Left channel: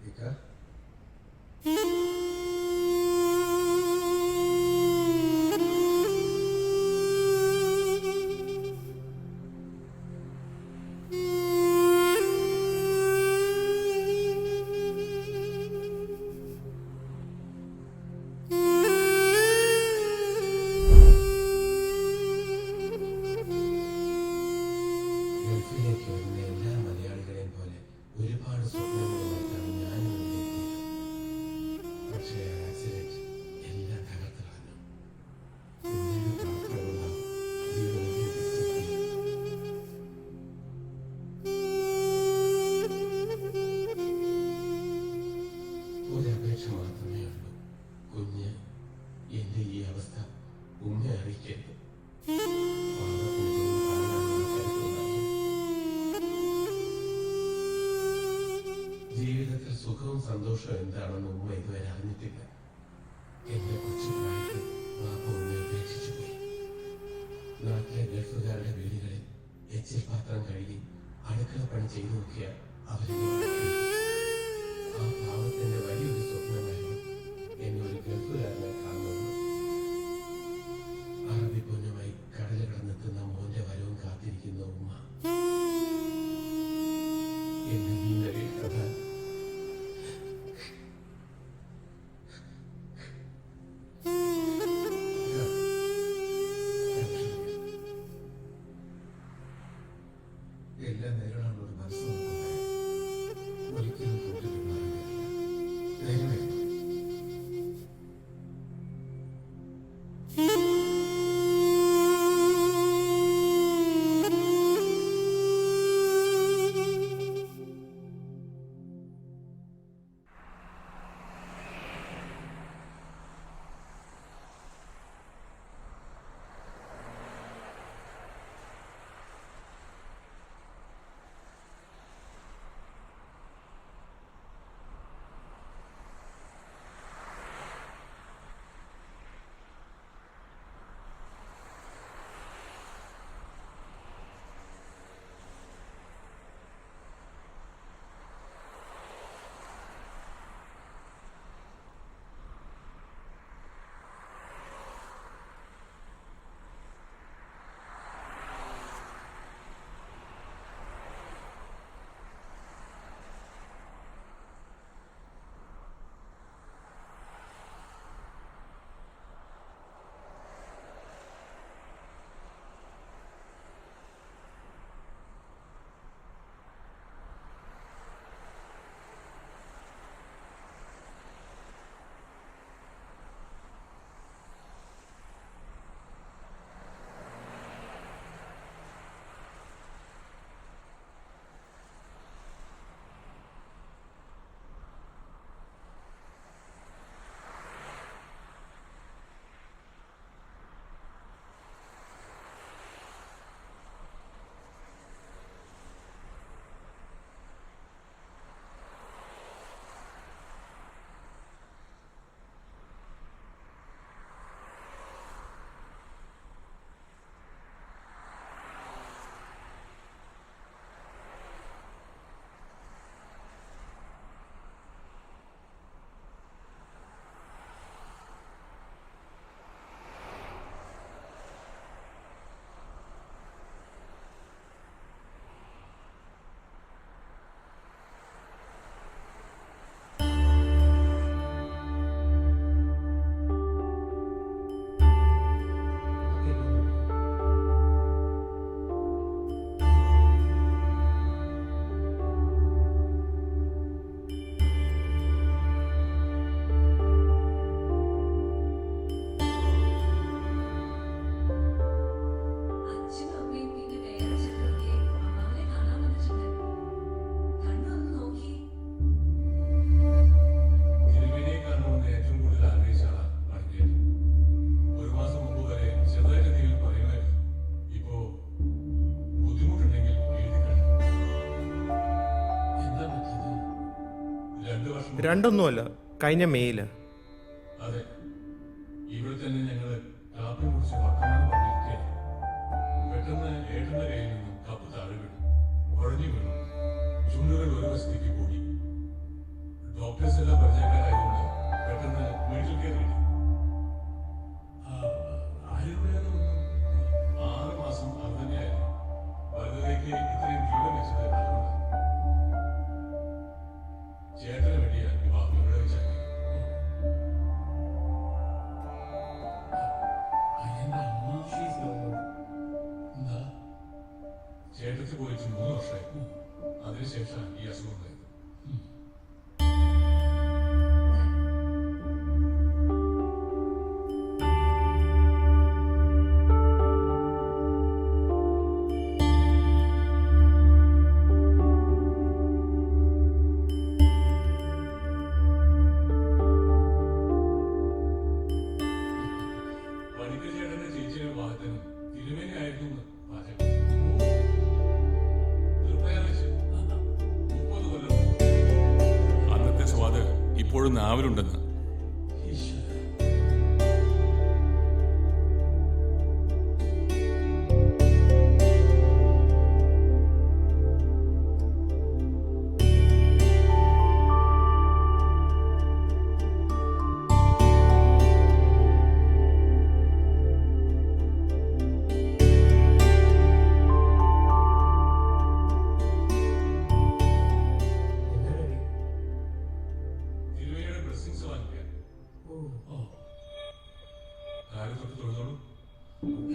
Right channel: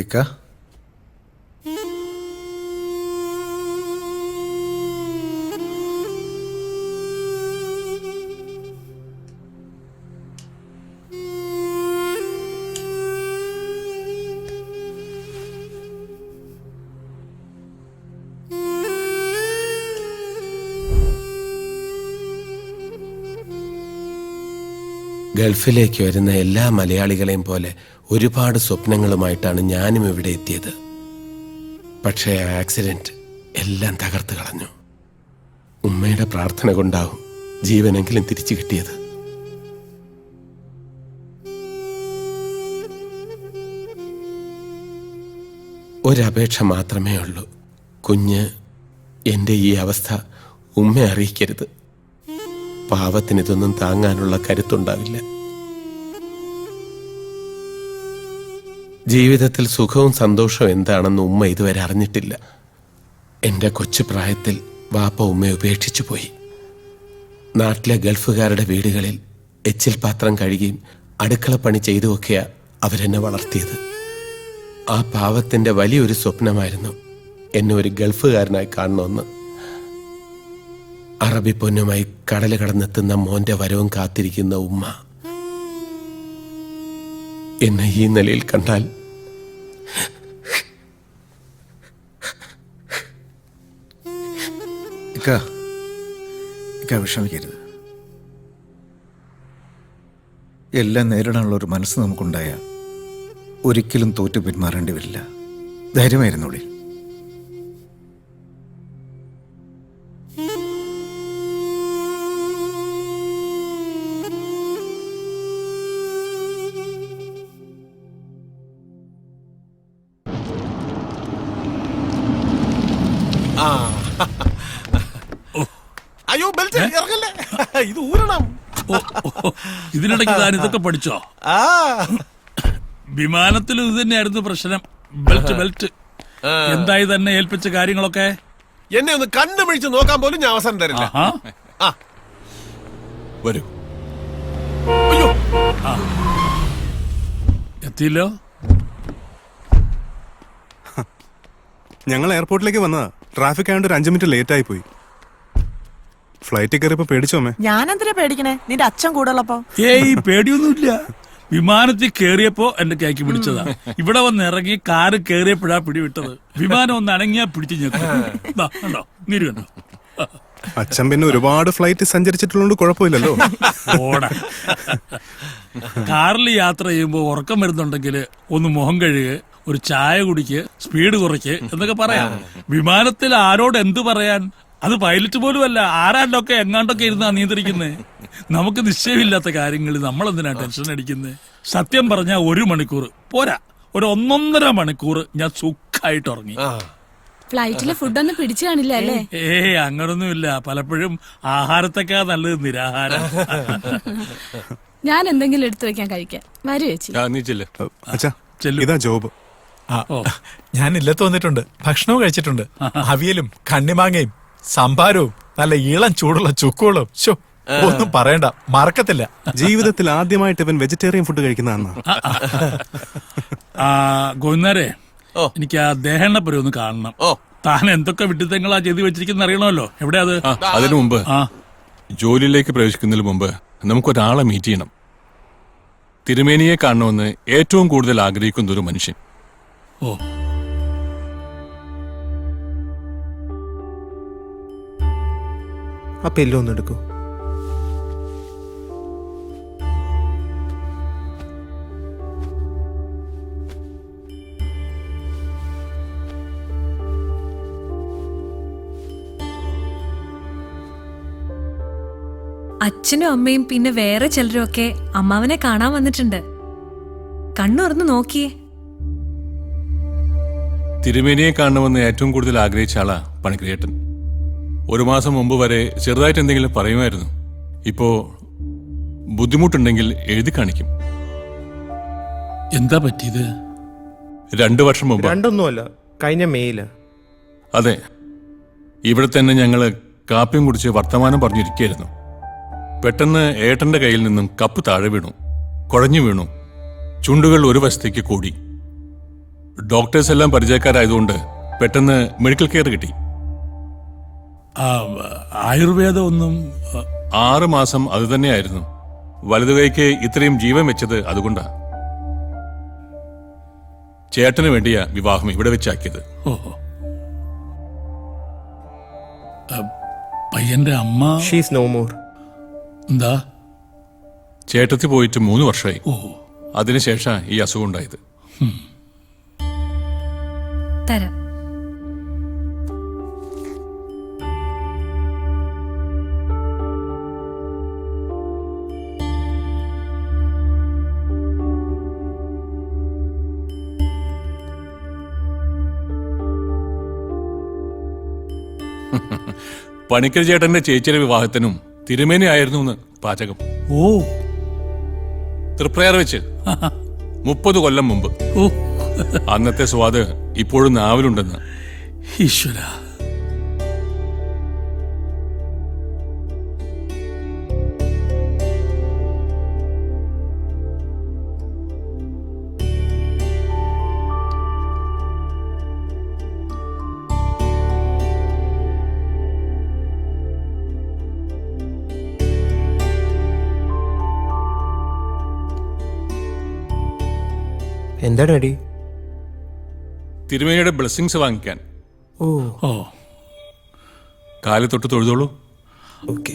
ഇക്ക. ഗൾഫിലേക്ക് വരുന്ന എല്ലാ മലയാളികളെയും പോലെ ഒരുപാട് സ്വപ്നങ്ങളുമായിട്ടാണ് ഞാനും ഇവിടെ എത്തിയത്. പക്ഷേ ആ ആക്സിഡന്റ് എല്ലാം തകർത്ത് കളഞ്ഞു. ഉമ്മയുടെ പ്രാർത്ഥന കൊണ്ടാവും ജീവനെങ്കിലും തിരിച്ചു കിട്ടിയത്. ഒരപേക്ഷ മാത്രമേ ഉള്ളൂ. കുഞ്ഞ് എന്റെ ഈ അവസ്ഥ ഉമ്മ അറിയിക്കരുത്. പാവത്തിന് ഇതൊന്നും താങ്ങാനുള്ള കരുത്തുണ്ടാവില്ല. ജീവിതത്തിൽ സുഖവും സന്തോഷവും എന്താണെന്ന് ഉമ്മ ഇതുവരെ അറിഞ്ഞിട്ടില്ല. എന്റെ കൊച്ചു പ്രായത്തിൽ വാപ്പ ഉമ്മയെ ഉപേക്ഷിച്ചു പോയി. നാട്ടിലെ ഗൾഫുകാരുടെ വീടുകളിൽ എച്ചിൽ പാത്രം കഴുകിയും അടുക്കളപ്പണി ചെയ്തുമൊക്കെയാ അവരെന്നെ വളർത്തിയത്. ആ പാവത്തിന്റെ വലിയൊരു സ്വപ്നമായിരുന്നു എന്നെ ഒരു ഗൾഫുകാരനായി കാണണമെന്ന് അറബി പൊന്നുമായി കടൽ കടന്നെത്തുന്ന മോന്റെ വരവും കാത്തിരിക്കുന്ന ഉമ്മ. എന്നെ ഈ നിലയിൽ കണ്ടാൽ ഇക്ക ഇക്ക വിഷമിക്കരുത്. എല്ലാം നേരിടാനുള്ള ഒരു മനസ്സ് നമുക്കുണ്ടായ ഒരിക്കലും തോറ്റു പിന്മാറേണ്ടി വരില്ല. ധൈര്യമായിരുന്നുള്ളി Ah. ഇത് ഊരണം. ഇതിനിടയ്ക്ക് താൻ ഇതൊക്കെ പഠിച്ചോ? ആ. വിമാനത്തിൽ ഇത് തന്നെയായിരുന്നു പ്രശ്നം. Belt belt. എന്തായി തന്നെ ഏൽപ്പിച്ച കാര്യങ്ങളൊക്കെ? എന്നെ ഒന്ന് കണ്ടുപിടിച്ച് നോക്കാൻ പോലും ഞാൻ അവസരം തരില്ല. ആ. വരൂ. അയ്യോ. എത്തിയില്ലോ? ഞങ്ങൾ എയർപോർട്ടിലേക്ക് വന്നതാ. ട്രാഫിക് ആയതുകൊണ്ട് ഒരു അഞ്ച് മിനിറ്റ് ലേറ്റ് ആയി പോയി. ഫ്ലൈറ്റിൽ കയറിയപ്പോ പേടിച്ചോമേ ഞാനെന്തിനാ പേടിക്കണേ? നിന്റെ അച്ഛൻ കൂടെ ഉള്ളപ്പോ ഏയ് പേടിയൊന്നുമില്ല. വിമാനത്തിൽ കേറിയപ്പോ എന്റെ കൈക്ക് പിടിച്ചതാ. ഇവിടെ വന്ന് ഇറങ്ങി കാറ് കേറിയപ്പോഴാ പിടിവിട്ടത്. വിമാനം ഒന്ന് അണങ്ങിയാ പിടിച്ചു ഞെക്കോ ദാ, കണ്ടോ? നീര് കണ്ടോ? അച്ഛൻ പിന്നെ ഒരുപാട് ഫ്ലൈറ്റ് സഞ്ചരിച്ചിട്ടുള്ളത് കുഴപ്പമില്ലല്ലോ. ഓടാ. കാറിൽ യാത്ര ചെയ്യുമ്പോൾ ഉറക്കം വരുന്നുണ്ടെങ്കിൽ ഒന്ന് മുഖം കഴുക ഒരു ചായ കുടിക്ക് സ്പീഡ് കുറയ്ക്ക് എന്നൊക്കെ പറയാം. വിമാനത്തിൽ ആരോട് എന്ത് പറയാൻ? അത് പൈലറ്റ് പോലും അല്ല ആരാണ്ടൊക്കെ എങ്ങാണ്ടൊക്കെ ഇരുന്നാ നിയന്ത്രിക്കുന്നേ നമുക്ക് നിശ്ചയമില്ലാത്ത കാര്യങ്ങളിൽ നമ്മൾ എന്തിനാ ടെൻഷൻ അടിക്കുന്നത് സത്യം പറഞ്ഞാൽ ഒരു മണിക്കൂർ പോരാ. ഒരു ഒന്നൊന്നര മണിക്കൂർ ഞാൻ സുഖമായിട്ട് ഉറങ്ങി. ഫ്ലൈറ്റിലെ ഫുഡൊന്നും പിടിച്ചു കാണില്ല അല്ലേ? ഏ അങ്ങനൊന്നുമില്ല. പലപ്പോഴും ആഹാരത്തൊക്കെ നല്ലത് നിരാഹാരം. ഞാൻ എന്തെങ്കിലും എടുത്തു വെക്കാൻ കഴിക്കാം വരൂ ചേച്ചി. ആ, നീ ചെല്ല്. അച്ഛാ ചെല്ലു. ഇതാ ജോബ്. ആ, ഞാൻ ഇല്ലത്ത് വന്നിട്ടുണ്ട്. ഭക്ഷണവും കഴിച്ചിട്ടുണ്ട്. അവിയലും കണ്ണിമാങ്ങയും സംഭാരവും നല്ല ഇളം ചൂടുള്ള ചുക്കുകളും. ശോ ഒന്നും പറയണ്ട മറക്കത്തില്ല. ജീവിതത്തിൽ ആദ്യമായിട്ട് ഇവൻ വെജിറ്റേറിയൻ ഫുഡ് കഴിക്കുന്നതാണ് ആ ഗോവിന്ദരെ എനിക്ക് ആ ദേഹണ്ണപ്പുരം ഒന്ന് കാണണം. ഓ. താൻ എന്തൊക്കെ വിട്ടിത്തങ്ങളാ ചെയ്തു വെച്ചിരിക്കുന്ന അറിയണമല്ലോ. എവിടെ അത്? അതിനു മുമ്പ് ആ. ജോലിയിലേക്ക് പ്രവേശിക്കുന്നതിന് മുമ്പ് നമുക്കൊരാളെ മീറ്റ് ചെയ്യണം. തിരുമേനിയെ കാണണമെന്ന് ഏറ്റവും കൂടുതൽ ആഗ്രഹിക്കുന്ന ഒരു മനുഷ്യൻ. ഓ. ആ എല്ലാം എടുക്കൂ. അച്ഛനും അമ്മയും പിന്നെ വേറെ ചിലരും ഒക്കെ അമ്മാവനെ കാണാൻ വന്നിട്ടുണ്ട്. കണ്ണുറന്ന് നോക്കിയേ. തിരുമേനിയെ കാണണമെന്ന് ഏറ്റവും കൂടുതൽ ആഗ്രഹിച്ച ആളാ പണിക്രിയേട്ടൻ ഒരു മാസം മുമ്പ് വരെ ചെറുതായിട്ട് എന്തെങ്കിലും പറയുമായിരുന്നു. ഇപ്പോ ബുദ്ധിമുട്ടുണ്ടെങ്കിൽ എഴുതി കാണിക്കും. എന്താ പറ്റിയത്? രണ്ടു വർഷം മുമ്പ്. രണ്ടൊന്നുമല്ല കഴിഞ്ഞ മേയിൽ. അതെ. ഇവിടെ തന്നെ ഞങ്ങൾ കാപ്പിയും കുടിച്ച് വർത്തമാനം പറഞ്ഞിരിക്കുകയായിരുന്നു. പെട്ടെന്ന് ഏട്ടന്റെ കയ്യിൽ നിന്നും കപ്പ് താഴെ വീണു കുഴഞ്ഞു വീണു. ചുണ്ടുകൾ ഒരു വശത്തേക്ക് കൂടി. ഡോക്ടേഴ്സ് എല്ലാം പരിചയക്കാരായതുകൊണ്ട് പെട്ടെന്ന് മെഡിക്കൽ കെയർ കിട്ടി. ആയുർവേദം ഒന്നും ആറ് മാസം അത് തന്നെയായിരുന്നു. വലതുകൈക്ക് ഇത്രയും ജീവൻ വെച്ചത് അതുകൊണ്ടാ. ചേട്ടന് വേണ്ടിയാ വിവാഹം ഇവിടെ വെച്ചാക്കിയത്. ഓഹോ പയ്യന്റെ അമ്മ? ഷീസ് നോ മോർ എന്താ? ചേട്ടത്തി പോയിട്ട് മൂന്ന് വർഷമായി അതിനുശേഷം ഈ അസുഖം ഉണ്ടായത്. പണിക്കൽ ചേട്ടന്റെ ചേച്ചിയുടെ വിവാഹത്തിനും തിരുമേനി ആയിരുന്നു എന്ന് പാചകം. ഓ. തൃപ്രയാർ വെച്ച് മുപ്പത് കൊല്ലം മുമ്പ്. ഓ. അന്നത്തെ സ്വാദ് ഇപ്പോഴും നാവിലുണ്ടെന്ന്. ഈശ്വര. എന്താ ഡാഡി തിരുമേനിയുടെ ബ്ലെസ്സിങ്സ് വാങ്ങിക്കാൻ. ഓ. ഓ കാലി തൊട്ട് തൊഴുതോളൂ. ഓക്കെ.